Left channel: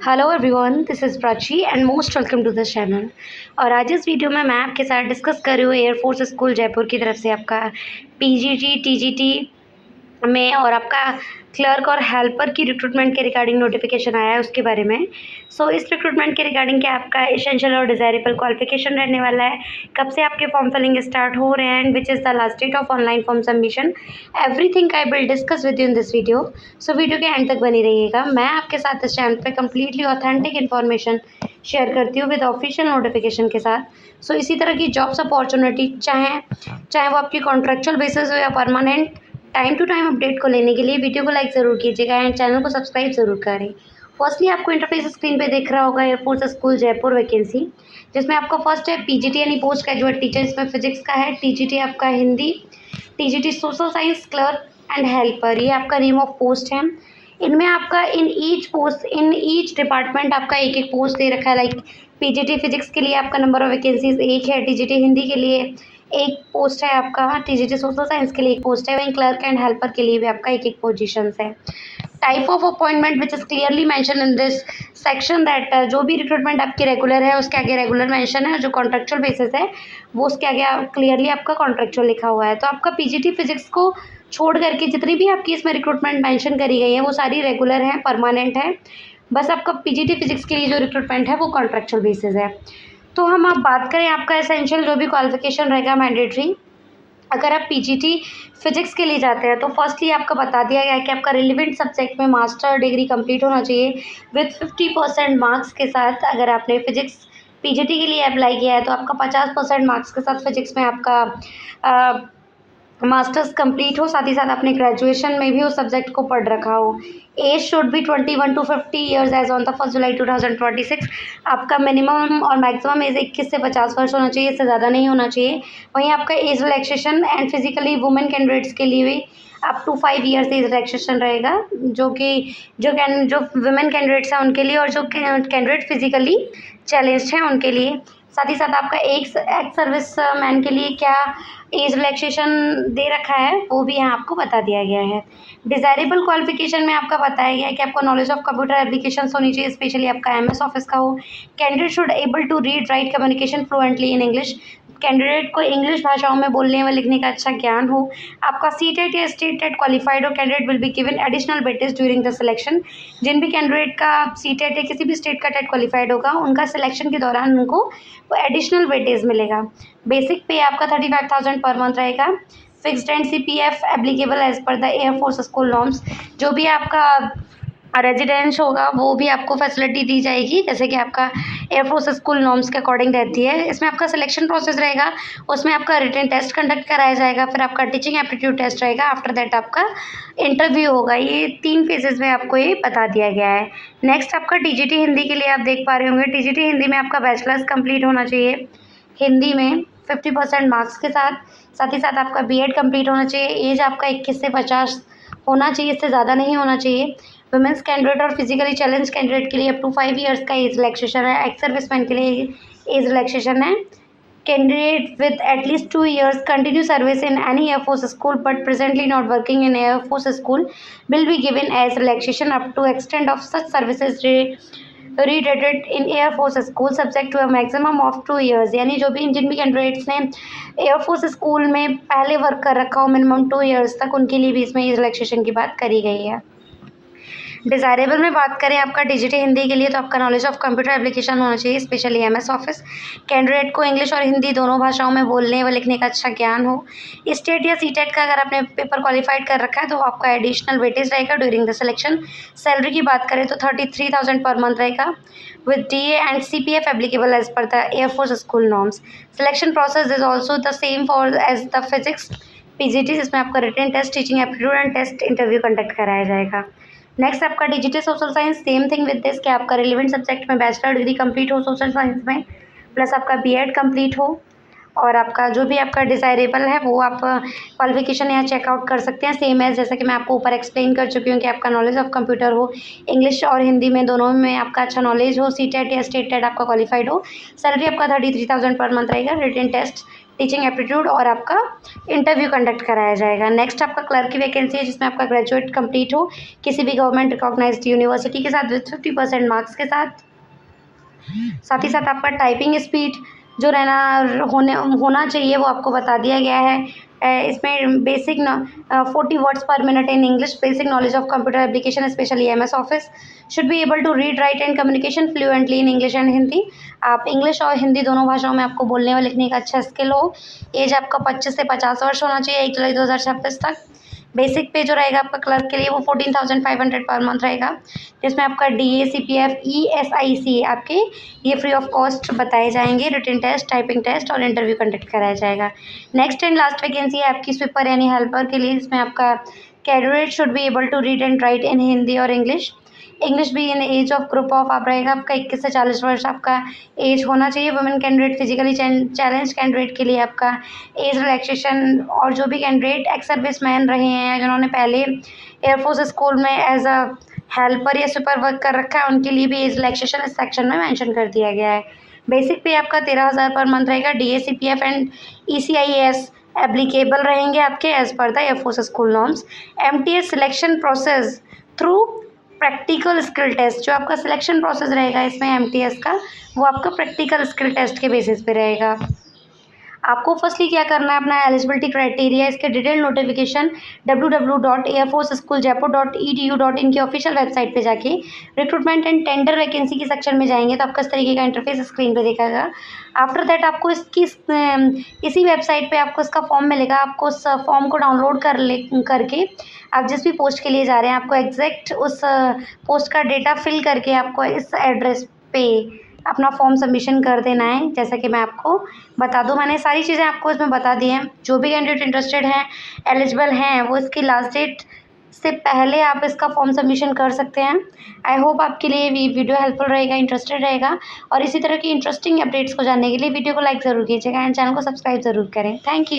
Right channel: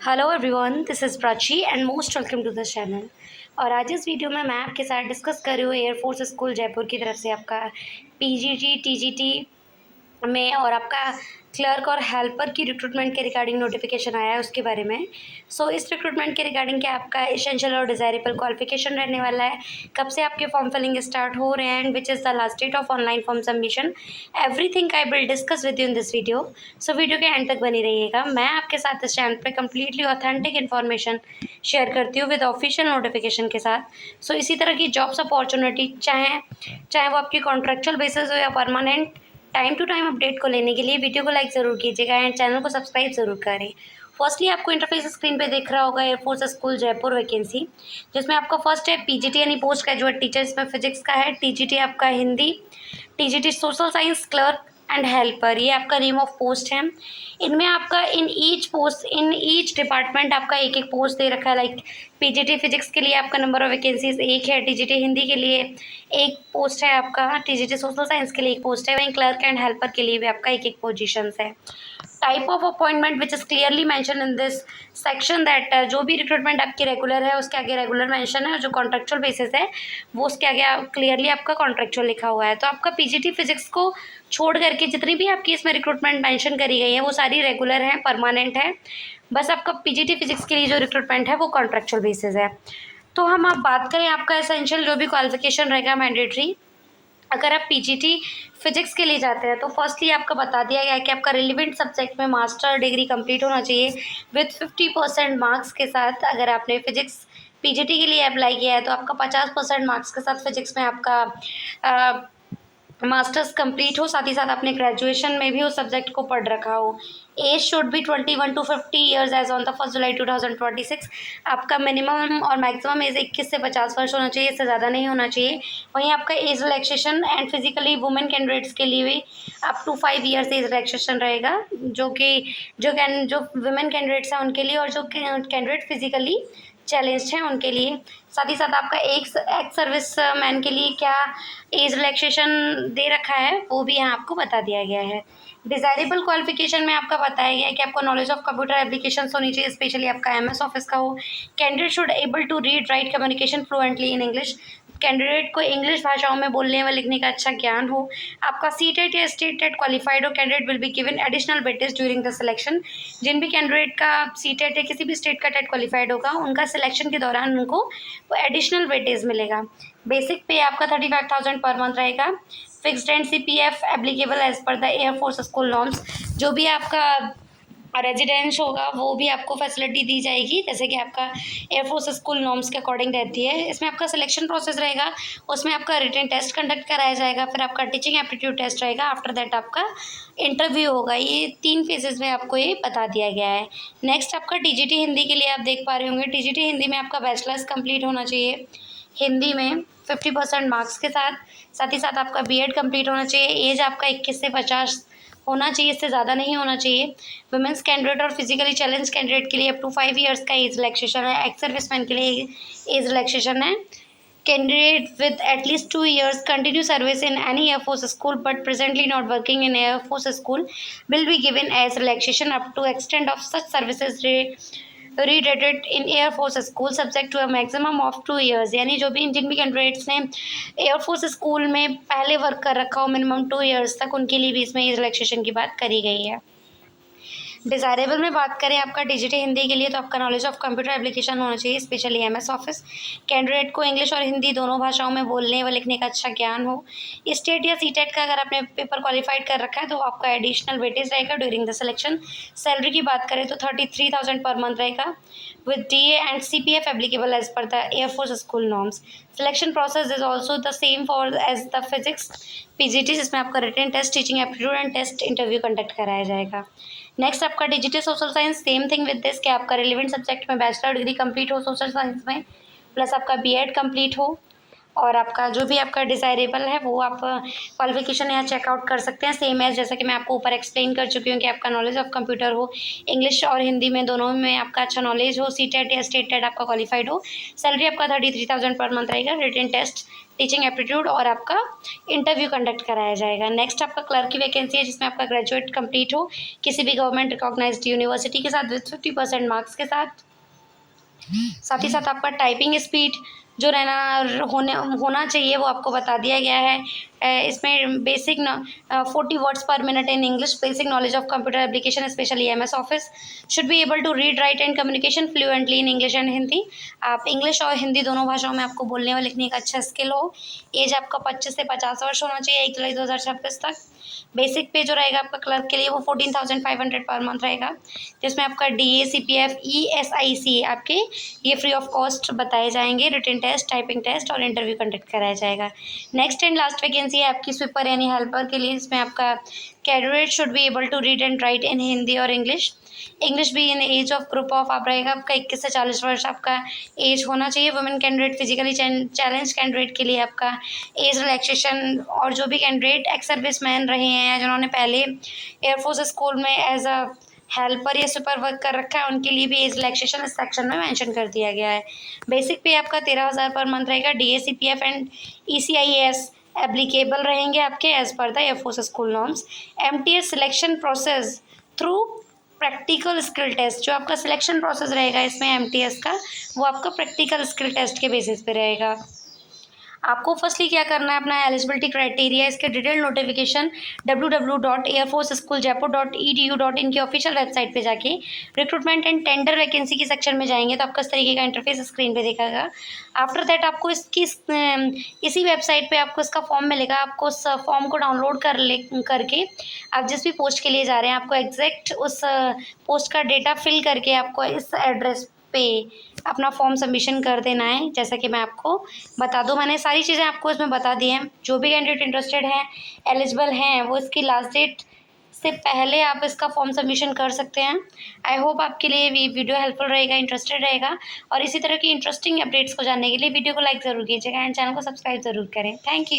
Hello everyone, this is Prachi and most welcome to this channel. और आज इस video में मैं आपके साथ डिस्कस कर रही हूँ एयरफोर्स स्कूल जयपुर की तरफ से आपका पीजीटी टीजीटी में और आपका क्लर्क और हेल्पर की रिक्रूटमेंट के रिगार्डिंग नोटिफिकेशन आया है उसके बारे में। इस रिक्रूटमेंट के रिगार्डिंग क्या आपका एसेंशियल और डिज़ायरेबल क्वालिफिकेशन रहने वाला है, कब से आपके फॉर्म फिलिंग स्टार्ट हो रहे हैं and which is the last date of online form submission, everything I will discuss with you in this video. Video के एंड तक बनी रहिएगा। मैं आपके साथ इस चैनल पे कम्प्लीटली ऑथेंटिक इन्फॉर्मेशन शेयर करती हूँ विद ऑफिशियल नोटिफिकेशन के साथ। इसी तरह की जॉब्स अपॉर्चुनिटी चाहे वो आपकी कॉन्ट्रेक्चुअल बेसिस हो या permanent, time to time update को लेने के लिए वीडियो को लाइक ज़रूर कीजिएगा एंड चैनल को सब्सक्राइब ज़रूर करें। फर्स्टली आपको इंटरफेस स्क्रीन पे दिख रहा होगा एयरफोर्स स्कूल जयपुर वैकेंसी, जिसमें आपका फर्स्ट है पीजीटी यानी पोस्ट ग्रेजुएट टीचर, इसमें फिजिक्स का है, टीजीटी आपका Hindi, TGT social science clerk and helper, ये आपका नेम ऑफ पोस्ट है। इनमें आपका इन ईच डिपार्टमेंट आपका एक एक पोस्ट दे रखा है। लाइक पीजीटी फिजिक्स के लिए आपका नंबर ऑफ वैकेंसीज एक है, टीजीटी हिंदी के लिए एक पोस्ट है आपका, टीजीटी सोशल साइंस के लिए एक पोस्ट है, वहीं क्लर्क एंड हेल्पर के लिए भी आपका एक एक पोजीशंस है। Type of appointment which is clearly mention in this section that जो भी रिक्रूटमेंट आपकी रेगुलर है उसके आगे रेगुलर मेंशन है, जो कॉन्ट्रेक्चुअल बेसिस है वो उसके आगे क्लियरली आपका कॉन्ट्रेक्चुअल लिखा हुआ है। तो आपका पीजीटी फिजिक्स को छोड़ करके जितनी भी आपकी इसमें रिक्रूटमेंट मेंशन करी गई है वो सारी रेगुलर हैं, परमानेंट है। बस आपका पीजीटी फिजिक्स के लिए जो रिक्रूटमेंट है वो कॉन्ट्रेक्चुअल बेसिस है। तो हम आप बात करें आपका एसेंशियल जो भी क्वालिफिकेशन रहेगा मैंडेटरी, अगर आप पीजीटी फिजिक्स के लिए जाते हैं तो फर्स्टली आपका बता दिया गया है कि आपका रिलेवेंट सब्जेक्ट में मास्टर डिग्री कंप्लीट होना चाहिए विथ 50% मार्क्स के साथ। अगर आपने फिजिक्स पीजीटी के लिए अप्लाई किया है तो आपका 50% मार्क्स के साथ फिजिक्स में आपका मास्टर्स कंप्लीट हो, साथ ही साथ आपने ग्रेजुएशन में भी उस सब्जेक्ट को पढ़ रखा हो। Age should be 21 to 50 years age on the 1 July 2026। आपका मिनिमम और मैक्सिमम एज 21 से 50 वर्ष होना चाहिए, इससे ज़्यादा नहीं होना चाहिए। वहीं आपका age relaxation and physically women candidates के लिए भी up to 5 years age relaxation रहेगा, जो वुमेन कैंडिडेट्स हैं उनके लिए और जो कैंडिडेट फिजिकली चैलेंज्ड हैं उनके लिए। साथ ही साथ आपका एक्स सर्विस मैन के लिए क्या एज रिलैक्सेशन दे रखा है वो भी यहाँ आपको बता दिया गया है। डिज़ायरेबल क्वालिफिकेशन में आपका बताया गया है कि आपको नॉलेज ऑफ कंप्यूटर एप्लीकेशन होनी चाहिए, स्पेशली आपका एमएस ऑफिस का हो। Candidate should able to read write communication fluently in English, candidate को इंग्लिश भाषाओं में बोलने व लिखने का अच्छा ज्ञान हो। आपका सीटेट या स्टेटेट क्वालिफाइड हो, candidate will be given additional weightage during the selection. जिन भी कैंडिडेट का सीटेट या किसी भी स्टेट का टेट क्वालिफाइड होगा उनका सिलेक्शन के दौरान उनको एडिशनल वेटेज मिलेगा। बेसिक पे आपका 35,000 पर मंथ रहेगा। Fixed and CPF applicable as per the air force school norms. जो भी आपका रेजिडेंस होगा वो भी आपको फैसिलिटी दी जाएगी, जैसे कि आपका एयरफोर्स स्कूल नॉर्म्स के अकॉर्डिंग रहती है। इसमें आपका सिलेक्शन प्रोसेस रहेगा, उसमें आपका रिटन टेस्ट कंडक्ट कराया जाएगा, फिर आपका टीचिंग एप्टीट्यूड टेस्ट रहेगा, आफ्टर दैट आपका इंटरव्यू होगा। ये 3 फेजेस में आपको ये बता दिया गया है। नेक्स्ट आपका टीजीटी हिंदी के लिए आप देख पा रहे होंगे, टीजीटी हिंदी में आपका बैचलर्स कंप्लीट होना चाहिए हिंदी में 50% मार्क्स के साथ ही साथ आपका बीएड कंप्लीट होना चाहिए। एज आपका 21 से 50 होना चाहिए, इससे ज़्यादा नहीं होना चाहिए। वुमेंस कैंडिडेट और फिजिकली चैलेंज कैंडिडेट के लिए अप टू 5 ईयर्स का एज रिलैक्सेशन है। एक्स सर्विसमैन के लिए एज रिलैक्सेशन है। Candidate with at least 2 years continue service in any air force school but presently not working in air force school will be given age relaxation up to extend of such services रीडेटेड in air force school subject to a maximum of 2 years। यानी जिन भी candidates ने air force school में पहले work कर रखा हो minimum 2 years तक, उनके लिए भी इसमें एज रिलैक्सेशन की बात करी गई है। डिज़ायरेबल में बात करें आपका टीजीटी हिंदी के लिए तो आपका नॉलेज ऑफ कंप्यूटर एप्लीकेशन होना चाहिए, स्पेशली एमएस ऑफिस। कैंडिडेट को इंग्लिश और हिंदी दोनों भाषाओं में बोलने व लिखने का अच्छा ज्ञान हो। स्टेट या सीटेट का अगर आपने पेपर क्वालिफाइड कर रखा है तो आपका एडिशनल वेटेज रहेगा ड्यूरिंग द सिलेक्शन। सैलरी की बात करें तो 33,000 पर मंथ रहेगा with DA and CPF applicable as per the Air Force school norms. Selection process is also the same for as the physics PGT, जिसमें आपका written test, teaching aptitude and test interview conduct कराया जाएगा। Next आपका digital social science, same thing with this कि आपका relevant subject में bachelor degree complete हो social science में, प्लस आपका बीएड कंप्लीट हो, और आपका जो भी आपका डिज़ायरेबल है वो आप क्वालिफिकेशन यहाँ चेकआउट कर सकते हैं। सेम है जैसा कि मैं आपको ऊपर एक्सप्लेन कर चुकी हूँ कि आपका नॉलेज ऑफ कंप्यूटर हो, इंग्लिश और हिंदी में दोनों में आपका अच्छा नॉलेज हो, सीटेट या स्टेट टेट आपका क्वालिफाइड हो। सैलरी आपका 33,000 पर मंथ रहेगा। रिटन टेस्ट, टीचिंग एप्टीट्यूड और आपका इंटरव्यू कंडक्ट कराया जाएगा। नेक्स्ट आपका क्लर्क की वैकेंसी है जिसमें आपका ग्रेजुएट कंप्लीट हो किसी भी गवर्नमेंट रिकॉग्नाइज्ड यूनिवर्सिटी के साथ विथ 50% मार्क्स के साथ। साथ ही साथ आपका टाइपिंग स्पीड जो होना चाहिए वो आपको बता दिया गया है। इसमें basic 40 words per minute in English, basic knowledge of computer application specially MS office, should be able to read write and communication fluently in English and Hindi. आप इंग्लिश और हिंदी दोनों भाषाओं में आपको बोलने और लिखने का अच्छा स्किल हो। एज आपका 25 से 50 वर्ष होना चाहिए 1 जुलाई 2026 तक। बेसिक पे जो रहेगा आपका क्लर्क के लिए वो 14,500 पर मंथ रहेगा, जिसमें आपका DA CPF ESIC आपके ये फ्री ऑफ कॉस्ट बताए जाएंगे। रिटन टेस्ट, टाइपिंग टेस्ट और इंटरव्यू कंडक्ट कराया जाएगा। नेक्स्ट एंड लास्ट वैकेंसी है आपकी स्वीपर यानी हेल्पर के लिए, जिसमें आपका candidate should be able to read and write in Hindi और इंग्लिश भी in age of group of आप रहेगा आपका 21 से 40 वर्ष आपका एज होना चाहिए। Women candidate, physically challenge candidate के लिए आपका एज रिलैक्सेशन, और जो भी कैंडिडेट एक्स सर्विस मैन रहे हैं जिन्होंने पहले एयरफोर्स स्कूल में एज अ हेल्पर या सुपर वर्क कर रखा है उनके लिए भी एज रिलैक्सेशन इस सेक्शन में मेंशन कर दिया गया है। बेसिक पे आपका 13,000 पर मंथ रहेगा। DA CPF and ECIS applicable रहेंगे आपके as per the air force school norms. MTS selection process through practical skill test, जो आपका सिलेक्शन प्रोसेस रहेगा इसमें MTS का, वो आपका प्रैक्टिकल स्किल टेस्ट के बेसिस पे रहेगा। आपको फर्स्टली क्या करना है, अपना एलिजिबिलिटी क्राइटेरिया इसके डिटेल नोटिफिकेशन www.airforceschooljapur.edu.in की ऑफिशियल वेबसाइट पे जाके रिक्रूटमेंट एंड टेंडर वैकेंसी के सेक्शन में जाएंगे तो आपका इस तरीके का इंटरफेस स्क्रीन पे दिखेगा। आफ्टर दैट आपको इसी वेबसाइट पे आपको इसका फॉर्म मिलेगा। आपको उस फॉर्म को डाउनलोड करके आप जिस भी पोस्ट के लिए जा रहे हैं आपको एग्जैक्ट उस पोस्ट का डेटा फिल करके आपको इस एड्रेस पे अपना फॉर्म सबमिशन कर देना है। जैसा कि मैं आपको बता दूं, मैंने सारी चीज़ें आपको इसमें बता दी हैं। जो भी कैंडिडेट इंटरेस्टेड हैं, एलिजिबल हैं, वो इसकी लास्ट डेट से पहले आप इसका फॉर्म सबमिशन कर सकते हैं। आई होप आपके लिए ये वीडियो हेल्पफुल रहेगा, इंटरेस्टेड रहेगा, और इसी तरह की इंटरेस्टिंग अपडेट्स को जानने के लिए वीडियो को लाइक ज़रूर कीजिएगा एंड चैनल को सब्सक्राइब ज़रूर करें। Thank you.